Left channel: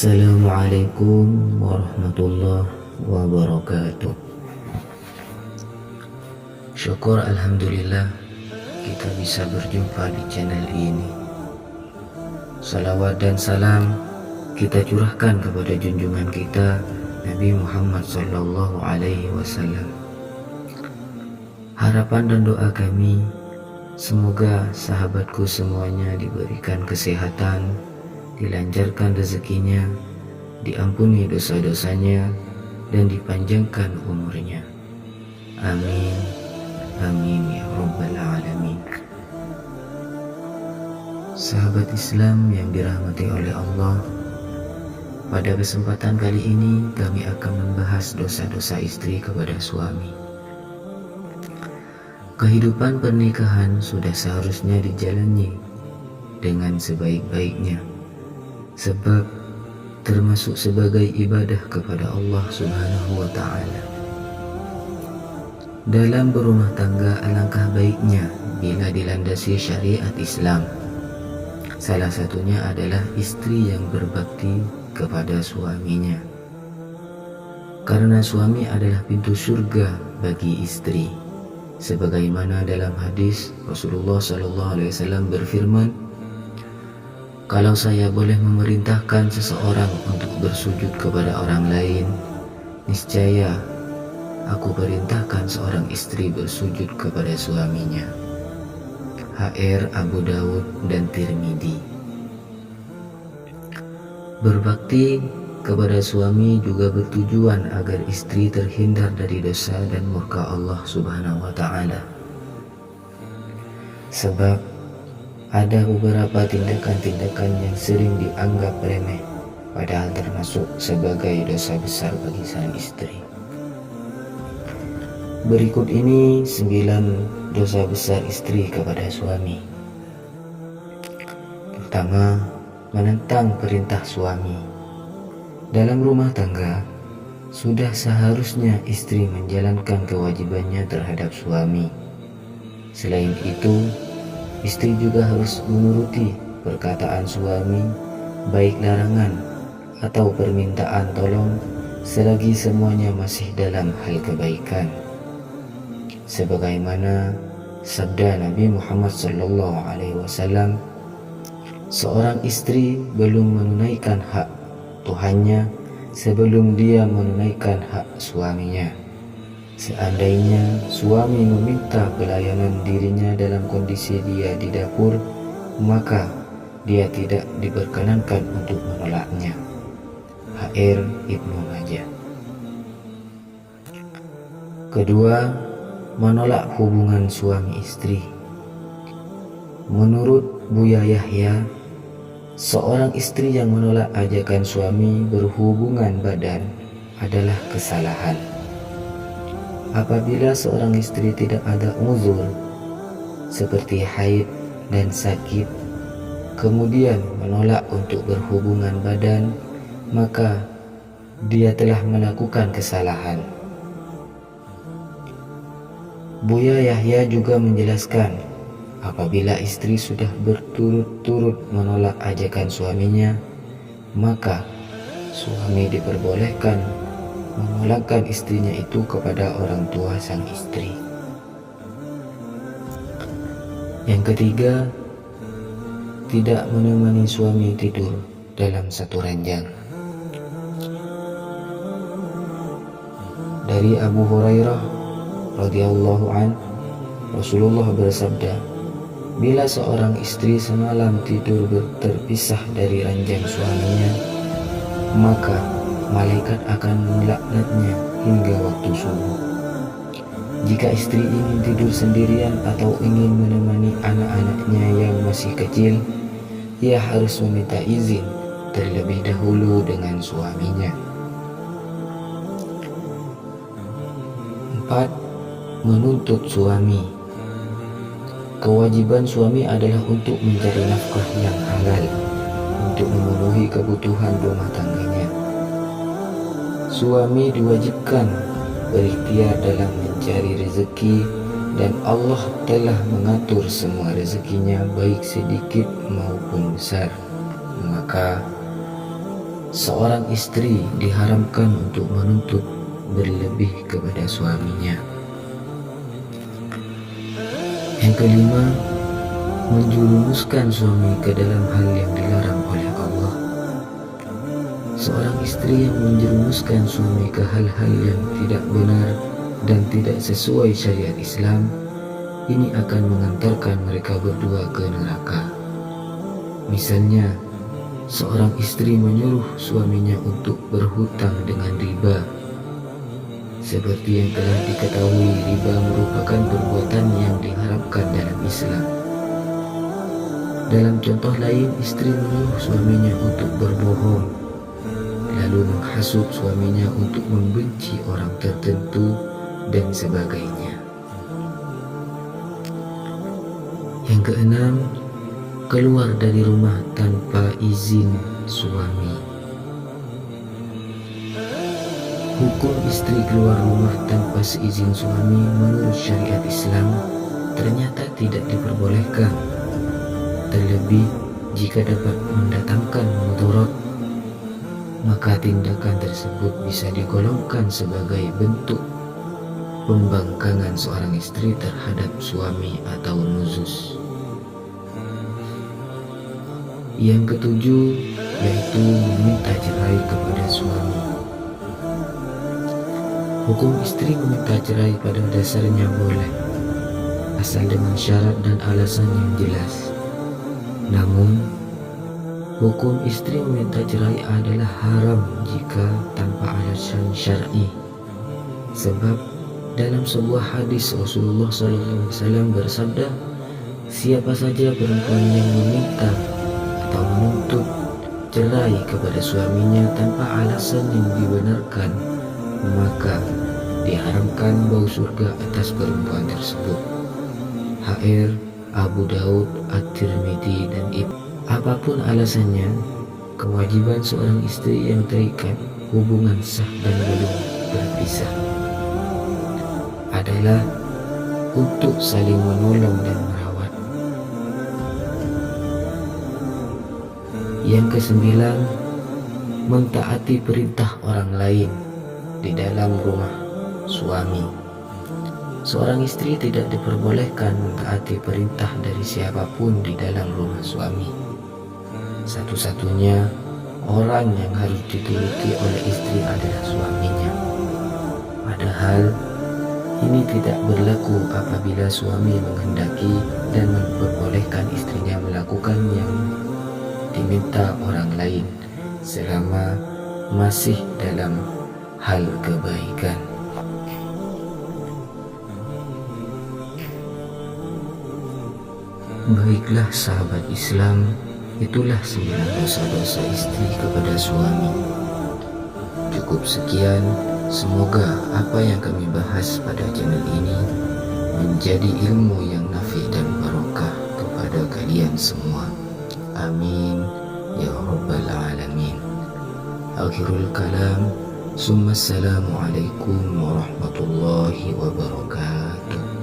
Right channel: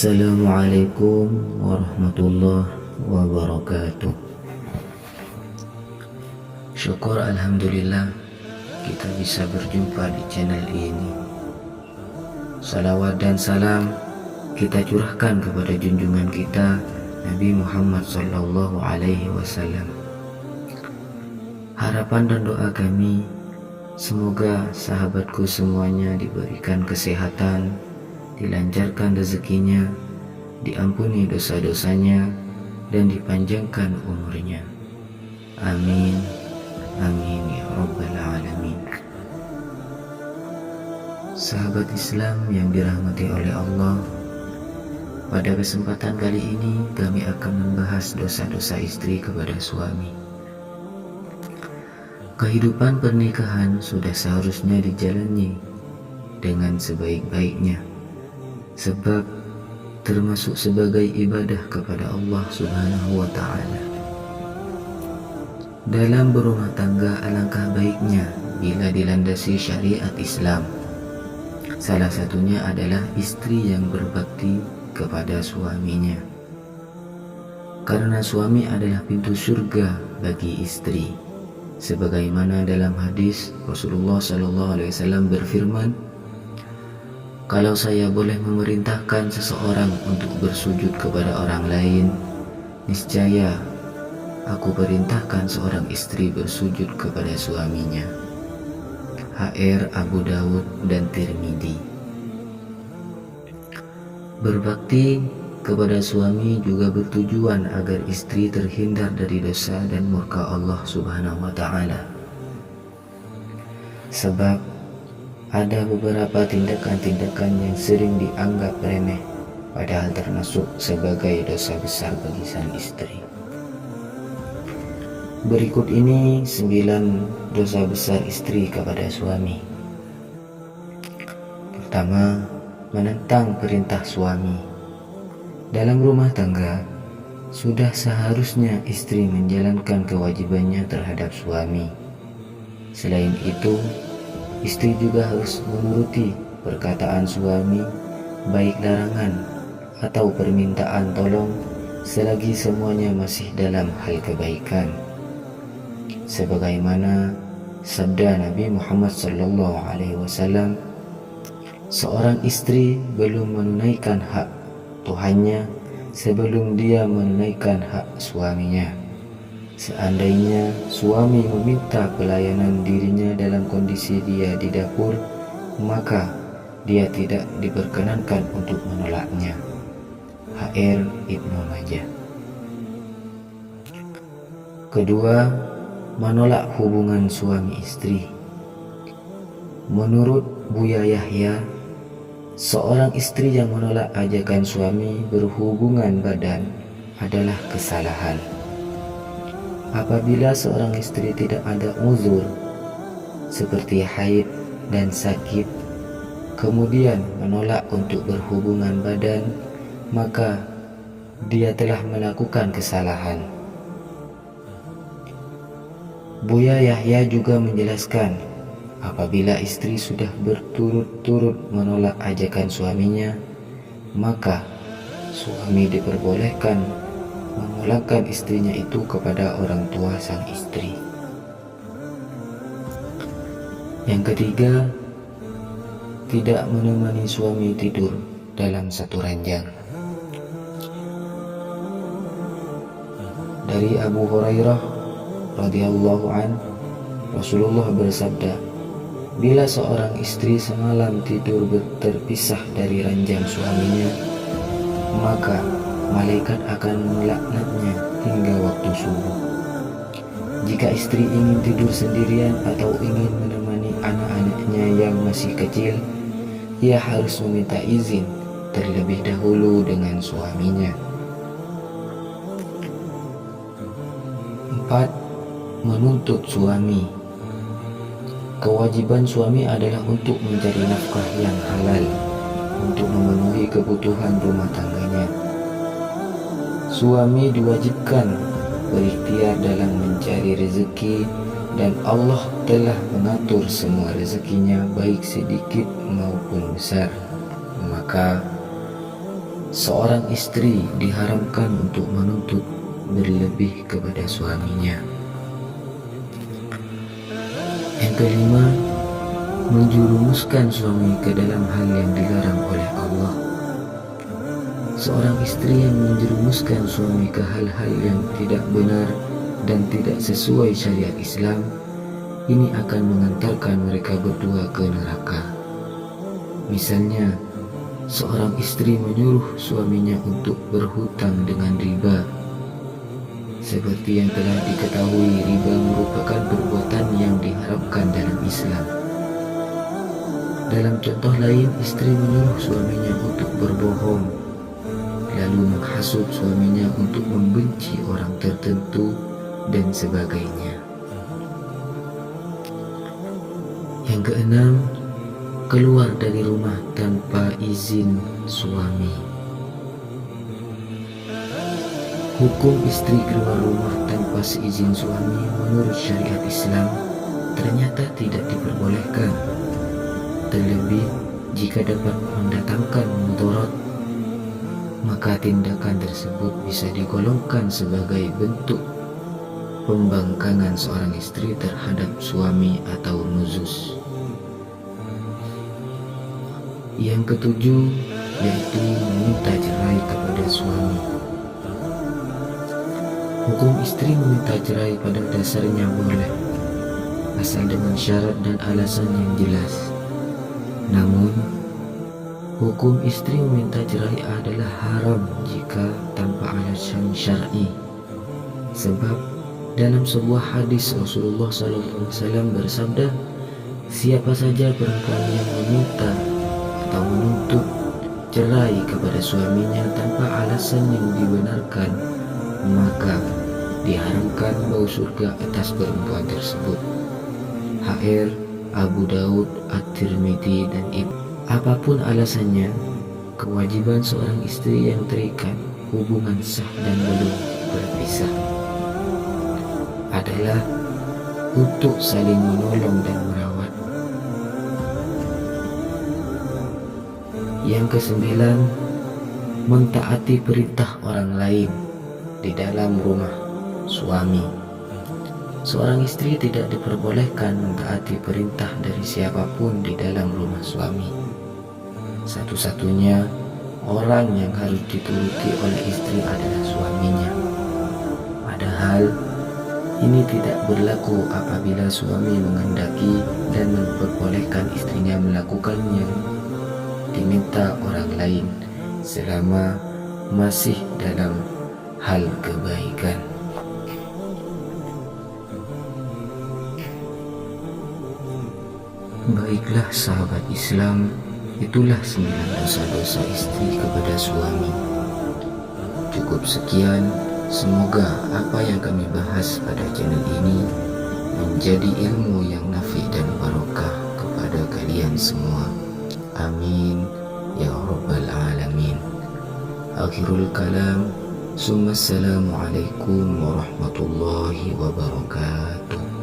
Assalamualaikum warahmatullahi wabarakatuh. Syukur alhamdulillah kita bisa berjumpa di channel ini. Salawat dan salam kita curahkan kepada junjungan kita Nabi Muhammad sallallahu alaihi wasallam. Harapan dan doa kami, semoga sahabatku semuanya diberikan kesehatan, dilancarkan rezekinya, diampuni dosa-dosanya, dan dipanjangkan umurnya. Amin. Amin ya Rabbal Alamin. Sahabat Islam yang dirahmati oleh Allah, pada kesempatan kali ini kami akan membahas dosa-dosa istri kepada suami. Kehidupan pernikahan sudah seharusnya dijalani dengan sebaik-baiknya, sebab termasuk sebagai ibadah kepada Allah Subhanahu wa Ta'ala. Dalam berumah tangga alangkah baiknya bila dilandasi syariat Islam. Salah satunya adalah istri yang berbakti kepada suaminya, karena suami adalah pintu surga bagi istri. Sebagaimana dalam hadis Rasulullah SAW berfirman, "Kalau saya boleh memerintahkan seseorang untuk bersujud kepada orang lain, niscaya aku perintahkan seorang istri bersujud kepada suaminya." HR Abu Dawud dan Tirmidzi. Berbakti kepada suami juga bertujuan agar istri terhindar dari dosa dan murka Allah Subhanahu wa Ta'ala. Sebab ada beberapa tindakan-tindakan yang sering dianggap remeh, padahal termasuk sebagai dosa besar bagi sang istri. Berikut ini 9 dosa besar istri kepada suami. Pertama, menentang perintah suami. Dalam rumah tangga, sudah seharusnya istri menjalankan kewajibannya terhadap suami. Selain itu, istri juga harus menuruti perkataan suami, baik larangan atau permintaan tolong, selagi semuanya masih dalam hal kebaikan. Sebagaimana sabda Nabi Muhammad SAW, seorang istri belum menunaikan hak Tuhannya sebelum dia menunaikan hak suaminya. Seandainya suami meminta pelayanan dirinya dalam kondisi dia di dapur, maka dia tidak diperkenankan untuk menolaknya. HR Ibnu Majah. Kedua, menolak hubungan suami istri. Menurut Buya Yahya, seorang istri yang menolak ajakan suami berhubungan badan adalah kesalahan. Apabila seorang istri tidak ada uzur seperti haid dan sakit, kemudian menolak untuk berhubungan badan, maka dia telah melakukan kesalahan. Buya Yahya juga menjelaskan, apabila istri sudah berturut-turut menolak ajakan suaminya, maka suami diperbolehkan memulangkan istrinya itu kepada orang tua sang istri. Yang ketiga, tidak menemani suami tidur dalam satu ranjang. Dari Abu Hurairah radhiyallahu an, Rasulullah bersabda, bila seorang istri semalam tidur terpisah dari ranjang suaminya, maka malaikat akan melaknatnya hingga waktu subuh. Jika istri ingin tidur sendirian atau ingin menemani anak-anaknya yang masih kecil, ia harus meminta izin terlebih dahulu dengan suaminya. 4. Menuntut suami. Kewajiban suami adalah untuk mencari nafkah yang halal untuk memenuhi kebutuhan rumah tangganya. Suami diwajibkan berikhtiar dalam mencari rezeki, dan Allah telah mengatur semua rezekinya baik sedikit maupun besar. Maka seorang istri diharamkan untuk menuntut berlebih kepada suaminya. Yang kelima, menjerumuskan suami ke dalam hal yang dilarang oleh Allah. Seorang istri yang menjerumuskan suami ke hal-hal yang tidak benar dan tidak sesuai syariat Islam, ini akan mengantarkan mereka berdua ke neraka. Misalnya, seorang istri menyuruh suaminya untuk berhutang dengan riba. Seperti yang telah diketahui, riba merupakan perbuatan yang diharamkan dalam Islam. Dalam contoh lain, istri menyuruh suaminya untuk berbohong, lalu menghasut suaminya untuk membenci orang tertentu dan sebagainya. Yang keenam, keluar dari rumah tanpa izin suami. Hukum istri keluar rumah tanpa seizin suami menurut syariat Islam ternyata tidak diperbolehkan. Terlebih jika dapat mendatangkan mudarat, maka tindakan tersebut bisa digolongkan sebagai bentuk pembangkangan seorang istri terhadap suami atau nuzuz. Yang ketujuh, yaitu meminta cerai kepada suami. Hukum istri meminta cerai pada dasarnya boleh, asal dengan syarat dan alasan yang jelas. Namun, hukum istri meminta cerai adalah haram jika tanpa alasan syar'i. Sebab dalam sebuah hadis Rasulullah SAW bersabda, siapa saja perempuan yang meminta atau menuntut cerai kepada suaminya tanpa alasan yang dibenarkan, maka diharamkan bau surga atas perempuan tersebut. HR, Abu Daud, At-Tirmidzi, dan Ibnu. Apapun alasannya, kewajiban seorang istri yang terikat hubungan sah dan belum berpisah adalah untuk saling menolong dan merawat. Yang kesembilan, mentaati perintah orang lain di dalam rumah suami. Seorang istri tidak diperbolehkan mentaati perintah dari siapapun di dalam rumah suami. Satu-satunya orang yang harus dituruti oleh istri adalah suaminya. Padahal ini tidak berlaku apabila suami menghendaki dan memperbolehkan istrinya melakukan yang diminta orang lain selama masih dalam hal kebaikan. Baiklah sahabat Islam, itulah 9 dosa-dosa istri kepada suami. Cukup sekian, semoga apa yang kami bahas pada channel ini menjadi ilmu yang nafi dan barokah kepada kalian semua. Amin ya rabbal alamin. Akhirul kalam. Assalamualaikum warahmatullahi wabarakatuh.